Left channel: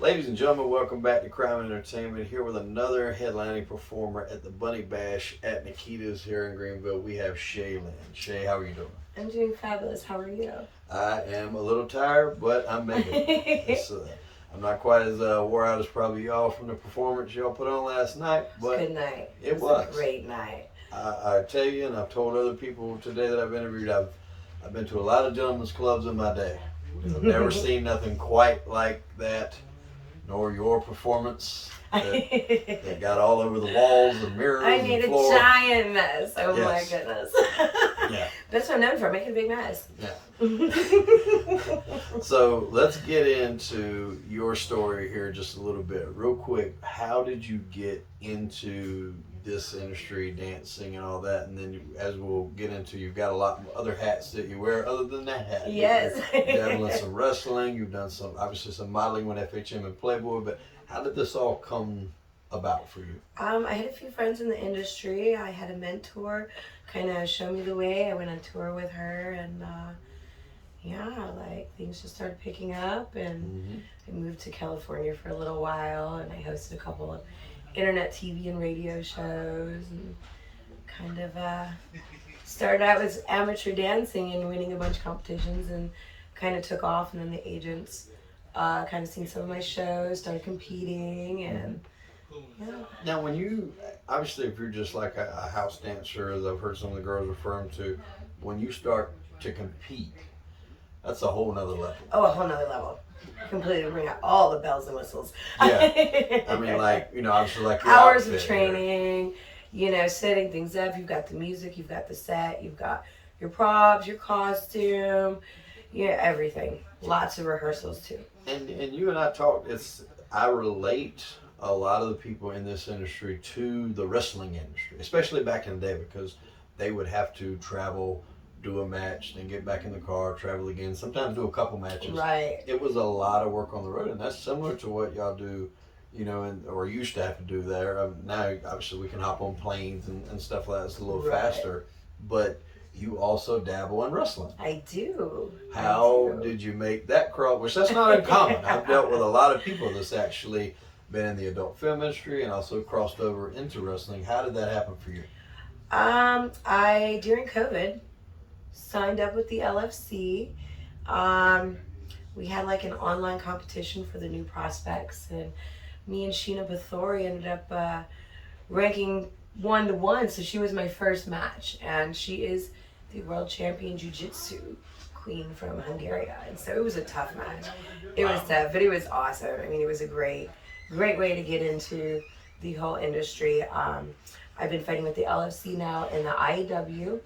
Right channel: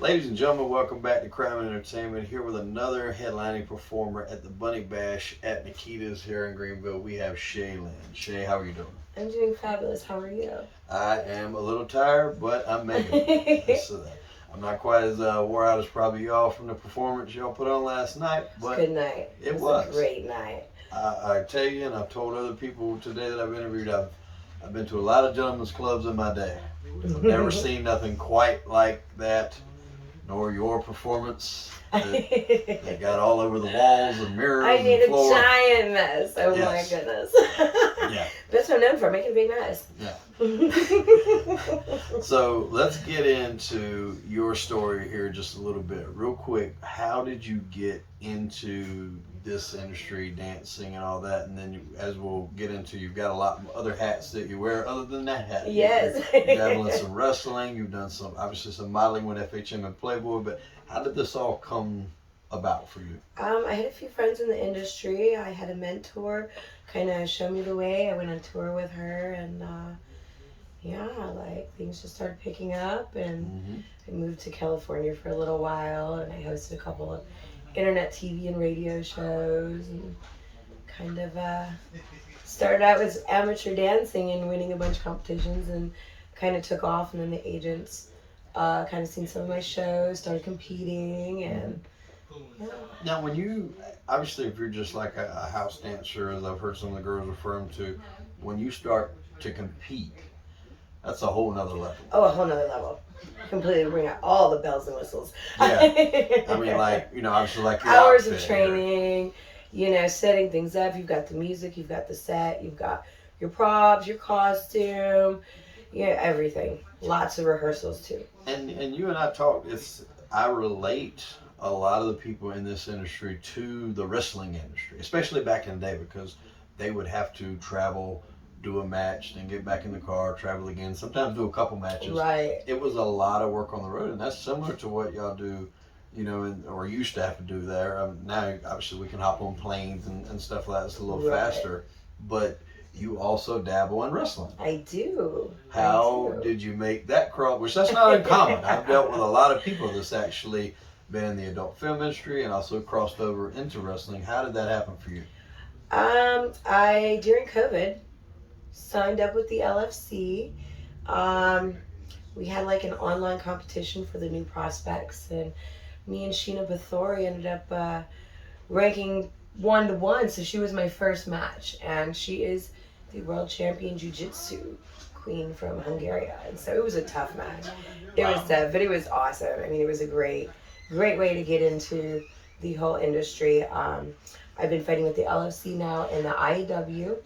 Ladies and gentlemen, welcome back to Crime Entertainment. Here with another headlining performer at the Bunny Bash at Nikita's here in Greenville. We have Shay Lynn. Shay, how are you doing? I'm doing fabulous. How are you? I am a little tired, but I'm making it. So, I'm not quite as wore out as probably y'all from the performance y'all put on last night, but Good night. It was a great night. I tell you, and I've told other people today that I've interviewed, I've been to a lot of gentlemen's clubs in my day. I've never seen nothing quite like that, nor your performance. That got all over the walls and mirrors. I made and floor. a giant mess. Oh Yes. my goodness. Yeah. That's what I'm known for, making a big mess. Yeah. So let's get into your story here just a little bit. Real quick, how did you get into this industry, dancing and all that? And then as we'll get into, you've got a lot of other hats that you wear other than that hat. Yes. You've done some wrestling, you've done obviously some modeling with FHM and Playboy, but how did this all come about for you? I had a few friends in the industry. I had a mentor kind of show me the way. I went on tour with her, and things just started picking up, and I moved to California for a little while, and I hosted a couple of internet TV and radio shows, and kind of started out with amateur dancing and winning a bunch of competitions, and kind of took off. And then the agents kind of seen some of my shows, started competing, and Now, when you, obviously, if you're just like a house dancer, as I've heard some of the girls refer to, when you start to compete, that's a whole nother level. Oh, a whole nother level. Completely bring out all the bells and whistles. Yeah. I mean, obviously, like your hours of outfit training, setting things up. You've got the music, you've got the set, you've got your props, your costume, everything. Lots of rehearsals too. And you and I talked, I relate a lot of the people in this industry to the wrestling industry, especially back in the day, because they would have to travel, do a match, then get back in the car, travel again, sometimes do a couple matches. Right. It was a lot of work on the road, and that's similar to what y'all do, or used to have to do there. Now, obviously, we can hop on planes and stuff like that. It's a little faster, but you also dabble in wrestling. I do. How did you make that cross? Which that's not uncommon. I've dealt with a lot of people that's actually been in the adult film industry and also crossed over into wrestling. How did that happen for you? I during COVID signed up with the LFC. We had like an online competition for the new prospects, and me and Sheena Bathory ended up ranking 1-1. So she was my first match, and she is the world champion Jiu Jitsu queen from Hungary. And so it was a tough match. It was tough, but it was awesome. I mean, it was a great way to get into the whole industry. I've been fighting with the LFC now in the IEW.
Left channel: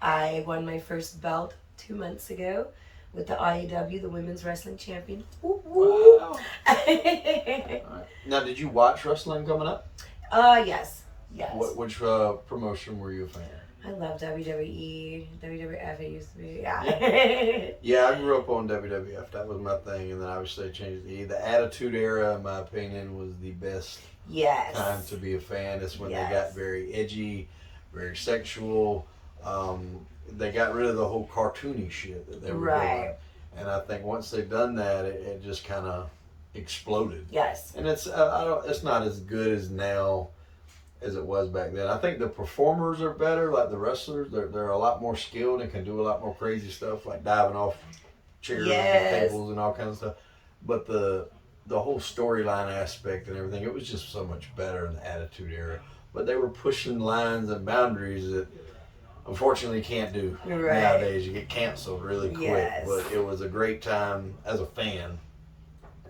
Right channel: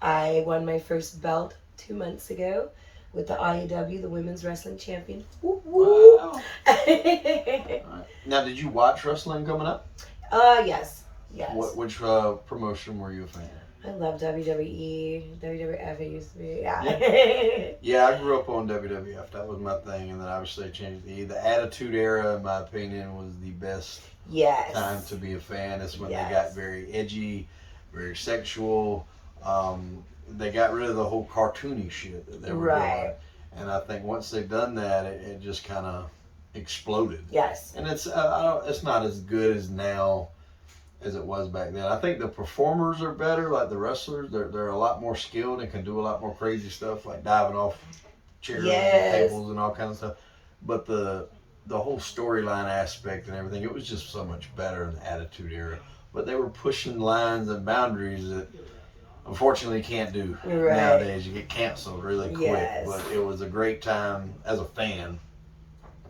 I won my first belt 2 months ago with the IEW, the Women's Wrestling Champion. Wow. Now, did you watch wrestling coming up? Yes. Which promotion were you a fan of? I love WWE, WWF. It used to be, Yeah, I grew up on WWF. That was my thing, and then obviously they changed the Attitude Era. In my opinion, was the best time to be a fan. It's when they got very edgy, very sexual. They got rid of the whole cartoony shit that they were doing, and I think once they've done that, it just kind of exploded. Yes, and it's not as good as now as it was back then. I think the performers are better, like the wrestlers. They're a lot more skilled and can do a lot more crazy stuff, like diving off chairs and tables and all kinds of stuff. But the whole storyline aspect and everything, it was just so much better in the Attitude Era. But they were pushing lines and boundaries that unfortunately you can't do nowadays. You get canceled really quick. But it was a great time as a fan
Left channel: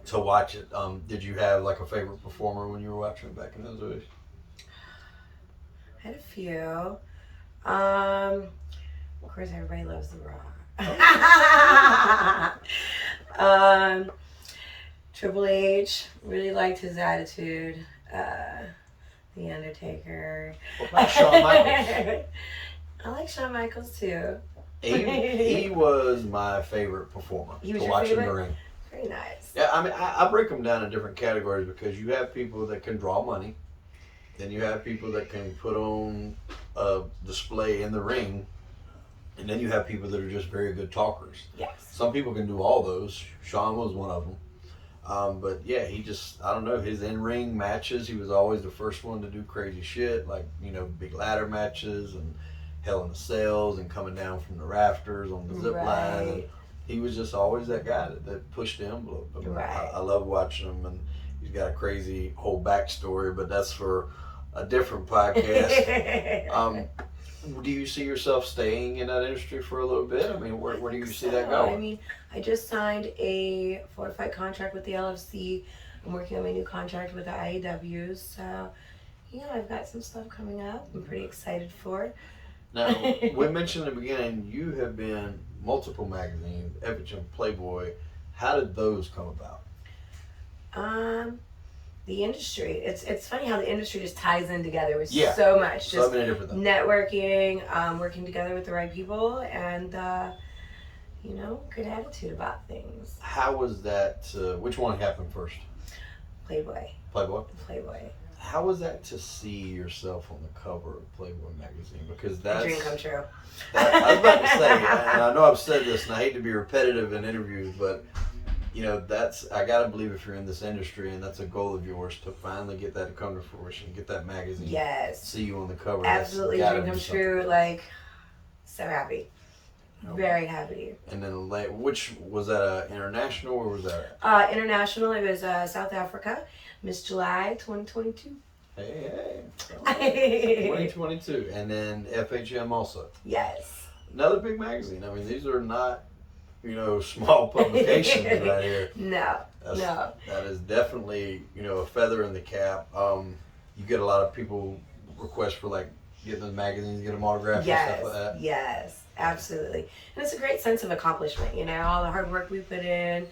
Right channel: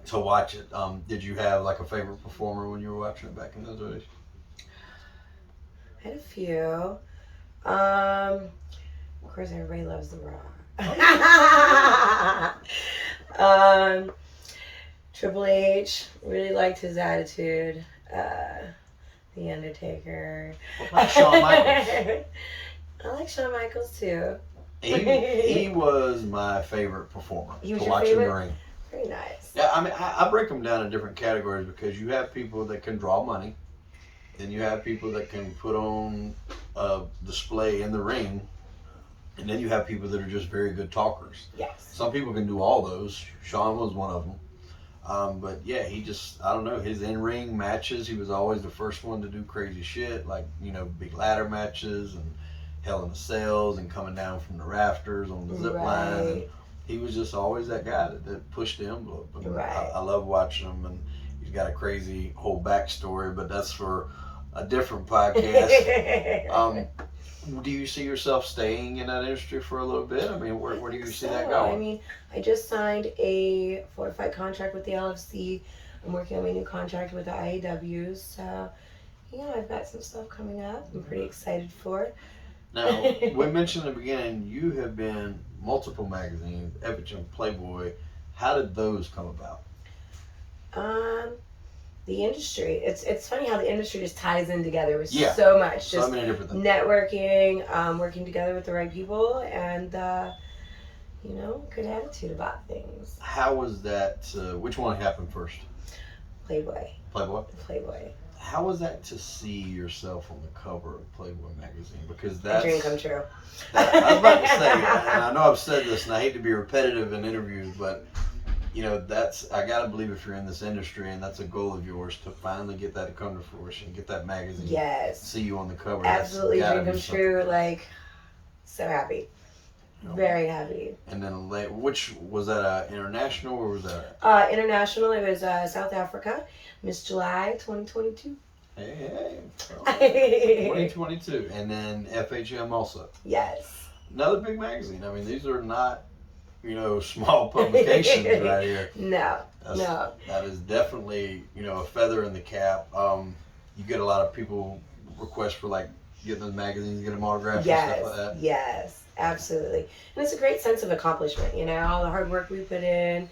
to watch it. Did you have like a favorite performer when you were watching it back in those days? I had a few. Of course, everybody loves The Rock. Triple H, really liked his attitude. The Undertaker. What about Shawn Michaels? I like Shawn Michaels too. He was my favorite performer to watch in the ring. Very nice. Yeah, I mean, I break them down in different categories because you have people that can draw money. Then you have people that can put on a display in the ring. And then you have people that are just very good talkers. Yes. Some people can do all those. Sean was one of them. But yeah, he just, I don't know, his in-ring matches, he was always the first one to do crazy shit, like, big ladder matches and Hell in the Cells and coming down from the rafters on the zip line. And he was just always that guy that pushed the envelope. And I love watching him, and he's got a crazy whole backstory, but that's for a different podcast. Do you see yourself staying in that industry for a little bit? I mean, where do you see that going? I mean, I just signed a fortified contract with the LFC. I'm working on my new contract with the IAW. So, yeah, I've got some stuff coming up I'm pretty excited for. Now, we mentioned in the beginning, you have been multiple magazines, Epic, Playboy. How did those come about? The industry. It's funny how the industry just ties in together with so much. Just so many different things. Networking, working together with the right people, and good attitude about things. How was that? Which one happened first? Playboy. Playboy. How was that to see yourself on the cover of Playboy magazine? Because that's a dream come true. I was about to say, and I know I've said this, and I hate to be repetitive in interviews, but I gotta believe if you're in this industry and that's a goal of yours to finally get that to come to fruition, get that magazine. Yes. See you on the cover. Absolutely, dream come true. Like, so happy. Very happy. And then which was that? International or was that? International. It was South Africa, Miss July 2022. Hey. 2022, and then FHM also. Yes. Another big magazine. I mean, these are not, small publications right here. No. That is definitely, a feather in the cap. You get a lot of people request for like getting the magazines, get them autographed and stuff like that. Yes, absolutely. And it's a great sense of accomplishment, all the hard work we put in,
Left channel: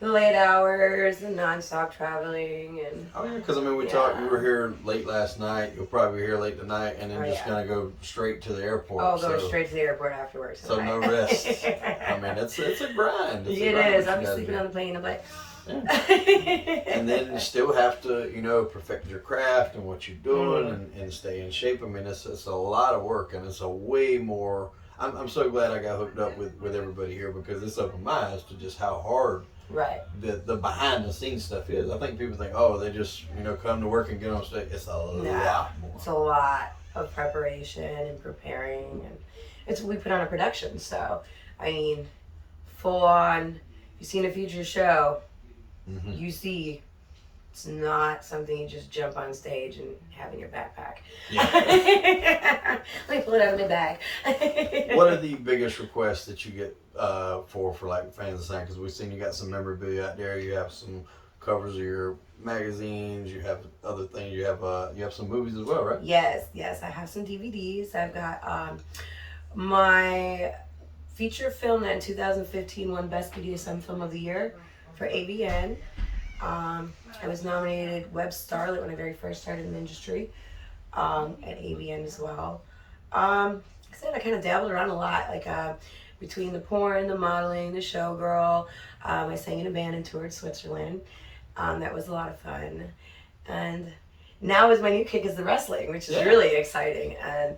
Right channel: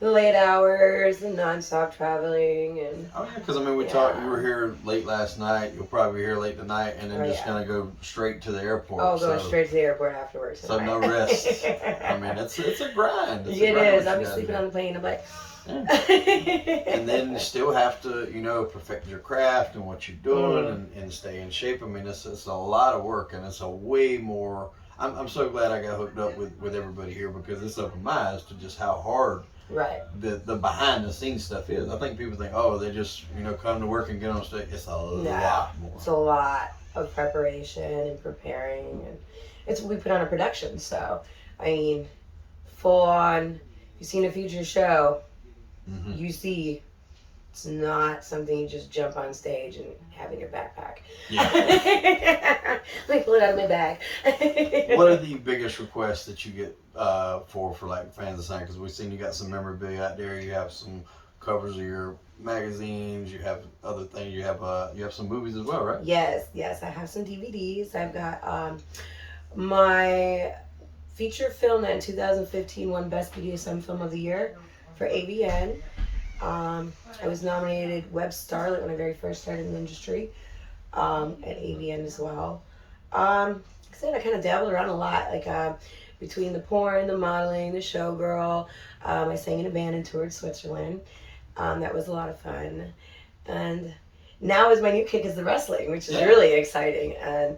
the late hours, the non-stop traveling, and because we talked. You were here late last night. You'll probably be here late tonight, and then gonna go straight to the airport. Oh, going straight to the airport afterwards. So no rest. It's a grind. It is. I'll be sleeping on the plane. I'm like. And then you still have to, perfect your craft and what you're doing and stay in shape. I mean, it's a lot of work, and it's a way more. I'm so glad I got hooked up with everybody here, because it's opened my eyes to just how hard the behind the scenes stuff is. I think people think, oh, they just come to work and get on stage. It's a lot more. It's a lot of preparation and preparing, and we put on a production. So I mean, full on. You've seen a feature show. Mm-hmm. You see, it's not something you just jump on stage and have in your backpack. Yeah. Let me pull it out of my bag. What are the biggest requests that you get for like fans to sign? Because we've seen you got some memorabilia out there. You have some covers of your magazines. You have other things. You have some movies as well, right? Yes. I have some DVDs. I've got my feature film that in 2015 won Best BDSM Film of the Year for AVN. I was nominated Web Starlet when I very first started in the industry at AVN as well. Like I said, I kind of dabbled around a lot, like between the porn, the modeling, the showgirl. I sang in a band and toured Switzerland. That was a lot of fun. And now is my new kick is the wrestling, which is really exciting. And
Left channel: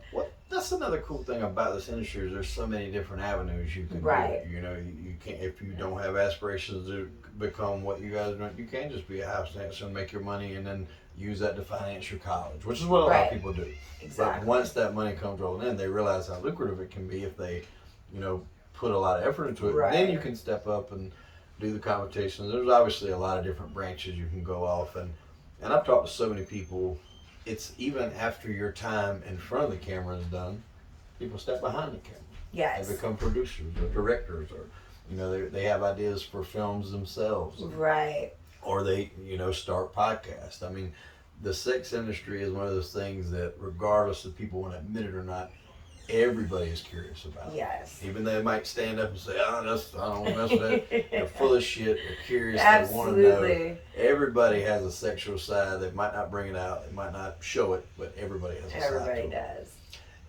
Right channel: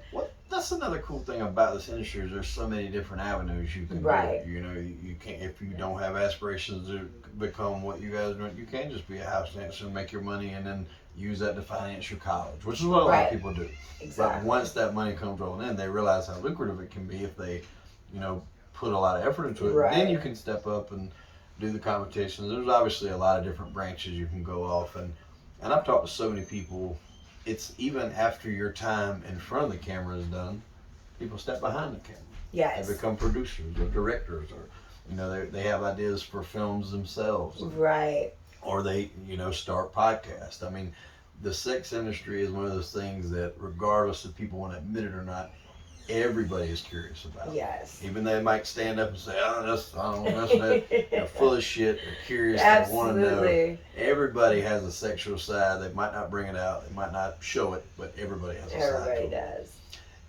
that's another cool thing about this industry is there's so many different avenues you can go. You can't, if you don't have aspirations to become what you guys are doing, you can't just be a house dancer and make your money and then use that to finance your college, which is what a lot of people do. Exactly. But once that money comes rolling in, they realize how lucrative it can be if they, put a lot of effort into it. Then you can step up and do the competitions. There's obviously a lot of different branches you can go off, and I've talked to so many people. It's even after your time in front of the camera is done, people step behind the camera. Yes. They become producers or directors, or they have ideas for films themselves. Right. Or they start podcasts. I mean, the sex industry is one of those things that, regardless if people want to admit it or not, everybody is curious about. Yes. Even they might stand up and say, I don't know that. They're full of shit. They're curious. Absolutely. They want to know. Everybody has a sexual side. They might not bring it out. They might not show it, but everybody has a side. Everybody does.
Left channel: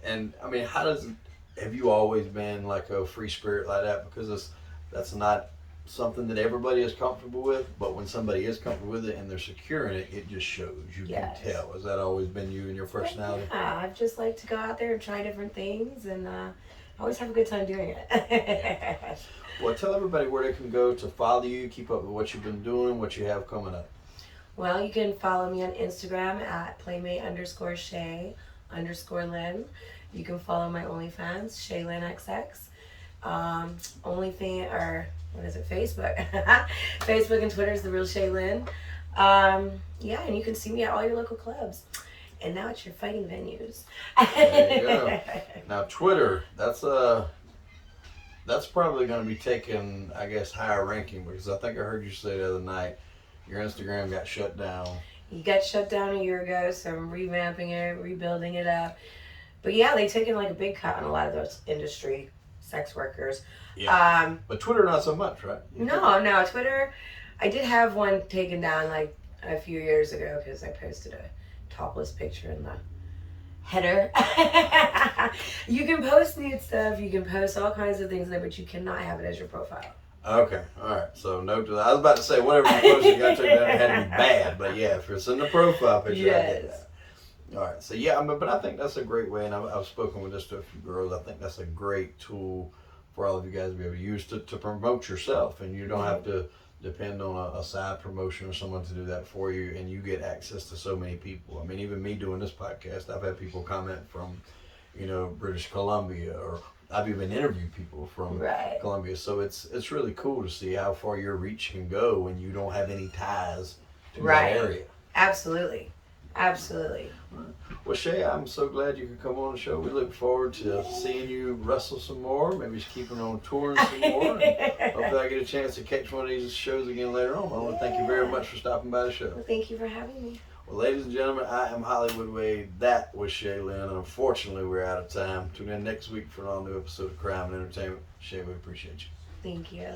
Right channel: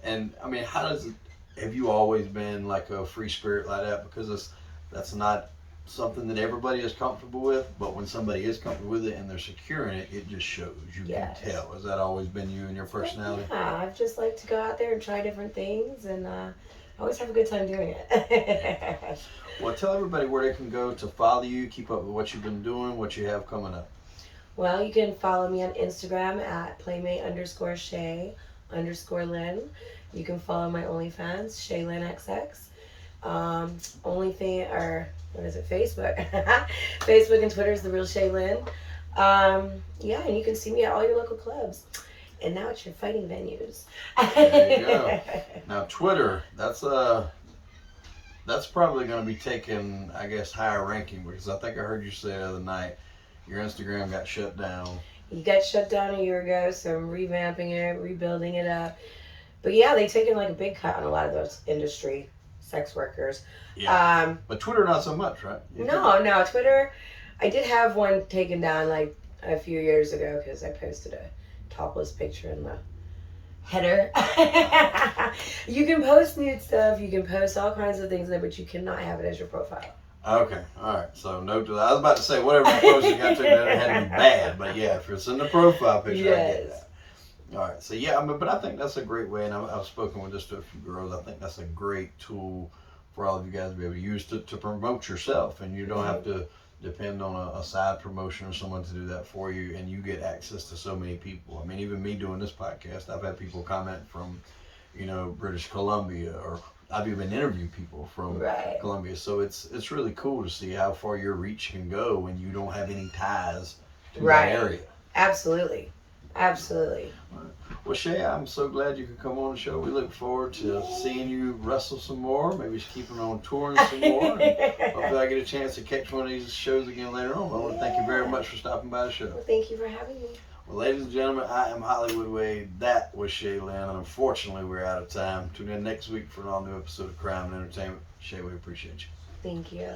And I mean, have you always been like a free spirit like that? Because that's not something that everybody is comfortable with, but when somebody is comfortable with it and they're secure in it, it just shows. You can tell. Has that always been you and your personality? Yeah, I've just liked to go out there and try different things and I always have a good time doing it. Well, tell everybody where they can go to follow you, keep up with what you've been doing, what you have coming up. Well, you can follow me on Instagram at playmate_Shay_Lynn. You can follow my OnlyFans, Shay Lynn XX. What is it, Facebook. Facebook and Twitter is The Real Shay Lynn. Yeah, and you can see me at all your local clubs. And now it's your fighting venues. There you go. Now Twitter, that's probably going to be taking, I guess, higher ranking, because I think I heard you say the other night your Instagram got shut down. You got shut down a year ago, so I'm revamping it, rebuilding it up. But yeah, they taken like a big cut on a lot of those industry sex workers. Yeah. But Twitter not so much, right? No, Twitter. I did have one taken down like a few years ago because I posted a topless picture in the header. You can post nude stuff, you can post all kinds of things there, but you cannot have it as your profile. Okay, all right. So note to that. I was about to say whatever you posted, got to that had to be bad, but yeah, if it's in the profile picture, yes. I get that. All right. So yeah, but I think that's a great way, and I've spoken with just a few girls. I think that's a great tool for all of you guys to be able to use to promote yourself, and you don't have to depend on a side promotion or someone to do that for you, and you get access to so many people. I mean, even me doing this podcast, I've had people comment from, British Columbia, or I've even interviewed people from Columbia. So it's really cool to see how far your reach can go when you don't have any ties to that area. Absolutely. Well, Shay, I'm so glad you could come on the show. We look forward to seeing you wrestle some more, maybe keeping on touring some more. And hopefully I get a chance to catch one of these shows again later on. I want to thank you very much for stopping by the show. Well, thank you for having me. Well, ladies and gentlemen, I am Hollywood Wade. That was Shay Lynn, and unfortunately we're out of time. Tune in next week for an all-new episode of Crime and Entertainment. Shay, we appreciate you. Thank you.